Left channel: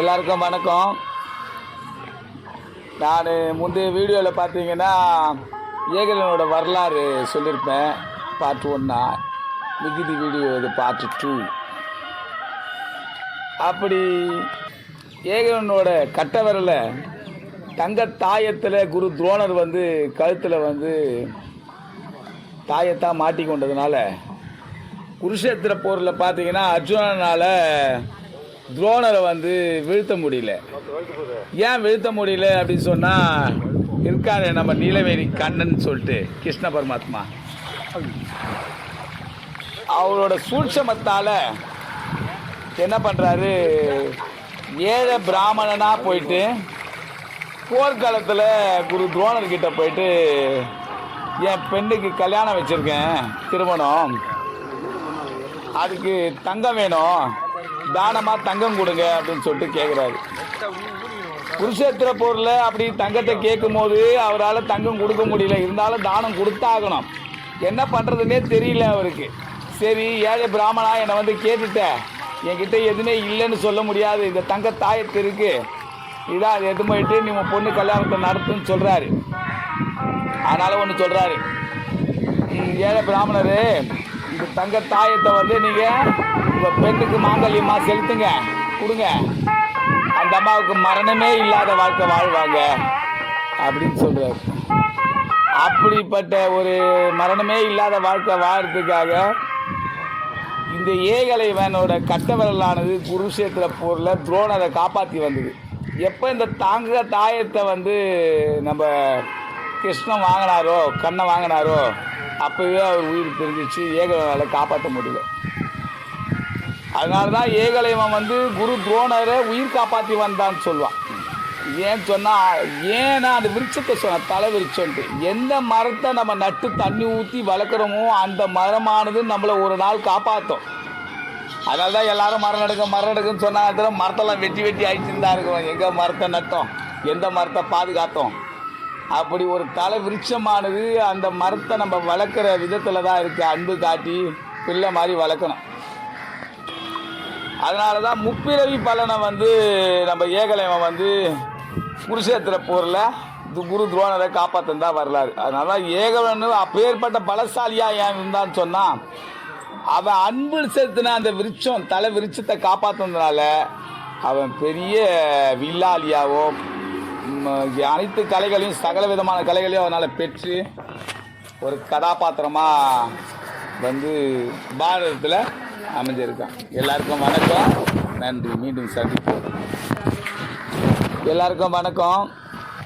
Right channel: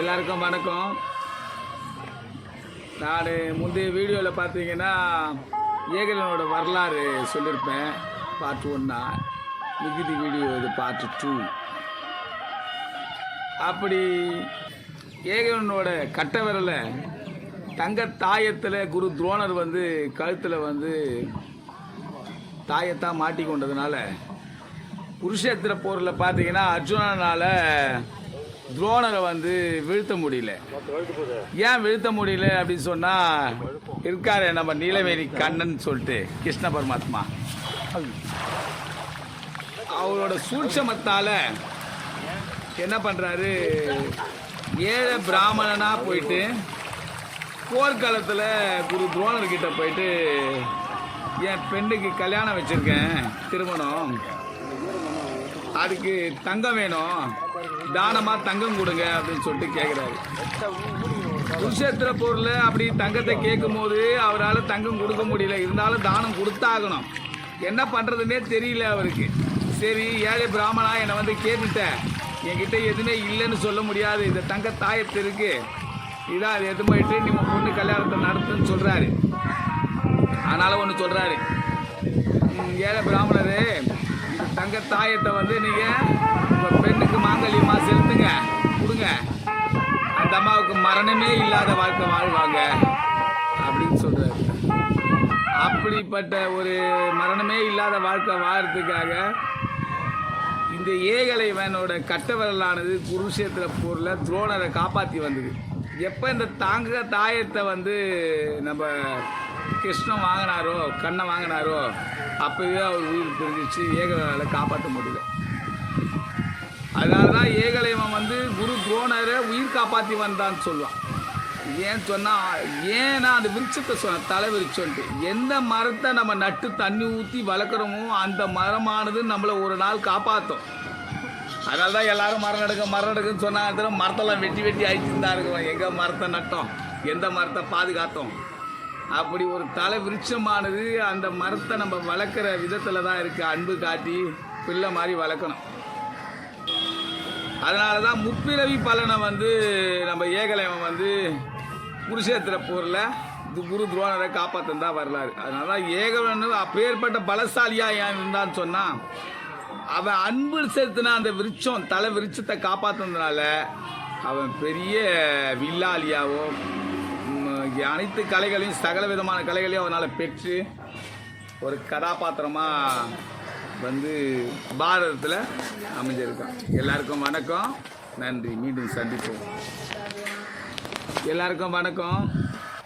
எல்லாருக்கும் வணக்கம். நான் முந்தைய வீடியோவில் பார்த்தீங்கன்னா ஏகலைவனோட வரலாறு சொல்லியிருப்பேன். பார்ட் 1. மிகுதி வீடியோ இது பார்ட் 2. அப்படி ஏகலைவனோட கட்ட விரல தங்க தாயத்தில் குரு துரோணர் கழுத்தில் தாயத்தான் மாட்டி கொண்டதுனால குருஷேத்திர போரில் பார்த்தீங்கன்னா அர்ஜுனனால் துரோணரை வீழ்த்த முடியல. ஏன் வீழ்த்த முடியல அப்படின்னு சொன்னால் இருக்காரு நம்ம நீலவேணி கண்ணன் சொல்லிட்டு கிருஷ்ண பரமாத்மா. அவரோட சூட்சமத்தால் என்ன பண்ணுறாரு, ஏழை பிராமணனாக போயிட்டு போர்க்காலத்தில் குரு துரோணர்கிட்ட போயிட்டு என் பெண்ணுக்கு கல்யாணம் வச்சுருக்கேன், திருமணம், அதுக்கு தங்கம் வேணும், தானமாக தங்கம் கொடுங்க அப்படின்னு சொல்லிட்டு கேட்குறாரு. குருஷேத்திர போரில் அப்படி தங்கத்தை கேட்கும் போது அவரால் தங்கம் கொடுக்க முடியல. இருந்தாலும் தானம் கொடுத்தாகணும். என்ன பண்ணுறதுன்னே தெரியல அவருக்கு. சரி, ஏழை பிராமணா என்னை கேட்டுட்டேன், என்கிட்ட எதுவுமே இல்லைன்னு சொல்ல முடியாது, இந்த தங்க தாயத்து இருக்கு, இதான் அது எது போயிட்டு நீ உன் பொண்ணு கல்யாணத்தை நடத்துன்னு சொல்கிறாரு. அதனால் ஒன்று சொல்கிறாரு, ஏழை பிராமணர், இந்த தங்க தாயத்தை நீங்கள் உங்கள் பெண்ணுக்கு மாங்கல்யமாக செலுத்துங்க, கொடுங்க, அந்த அம்மாவுக்கு மரணமே இல்லாத வாழ்க்கை வாழ்வாங்க அப்படின்னு சொல்கிறாரு. அப்படிப்பட்ட ஒரு மரணமே இல்லாத வாழ்க்கை வாழறதுக்காக இந்த ஏகலைவனோட கட்ட விரலானது குருஷேத்திர போரில் துரோணரை காப்பாற்றி வந்தது. எப்போ இந்த தாங்க தாயத்தை நம்ம கிருஷ்ணன் வாங்கினாரோ, கண்ணை வாங்கினாரோ, அப்போவே அவர் உயிர் தெரிஞ்சிச்சு. ஏகலைவனால் காப்பாற்ற முடியல. அதனால தான் ஏகலைவன் குரு துரோணரை உயிர் காப்பாற்றி வந்தான்னு சொல்லுவான். ஏன்னு சொன்னால், ஏன்னா அந்த விருட்சத்தை சொன்ன தலை விருட்சம்ட்டு, எந்த மரத்தை நம்ம நட்டு தண்ணி ஊற்றி வளர்க்குறோமோ அந்த மரமானது நம்மளை ஒரு நாள் காப்பாற்றும். அதனால தான் எல்லோரும் மரம் நடுக்குன்னு சொன்னாங்க. மரத்தெல்லாம் வெட்டி அழிச்சுன்னு தான் இருக்கிறோம். எங்கே மரத்தை நட்டோம், எந்த மரத்தை பாதுகாத்தோம். அப்படி ஒரு தலை விருட்சமானது அந்த மரத்தை நம்ம வளர்க்குற விதத்தில் தான் இருக்குது. அன்பு காட்டி பிள்ளை மாதிரி வளர்க்கணும். அதனால தான் முப்பிறவி பலனை நம்ம ஏகலைவன் குருஷேத்திர போரில் குரு துரோணரை காப்பாற்றன் தான் வரலாறு. அதனால தான் ஏகலைவன் அப்பேற்பட்ட பலசாலியாக ஏன் இருந்தான்னு சொன்னால், அவன் அன்பு செலுத்தின அந்த விருட்சம், தலை விருட்சத்தை காப்பாற்றுனதுனால அவன் பெரிய வில்லாளியாவோ அனைத்து கலைகளையும் சகல விதமான கலைகளையும் அவனால் பெற்று ஒரு கதாபாத்திரமாக பாரதத்தில் அமைஞ்சிருக்கான். எல்லாருக்கும் வணக்கம், நன்றி, மீண்டும் சந்திப்போம். எல்லாருக்கும் வணக்கம்.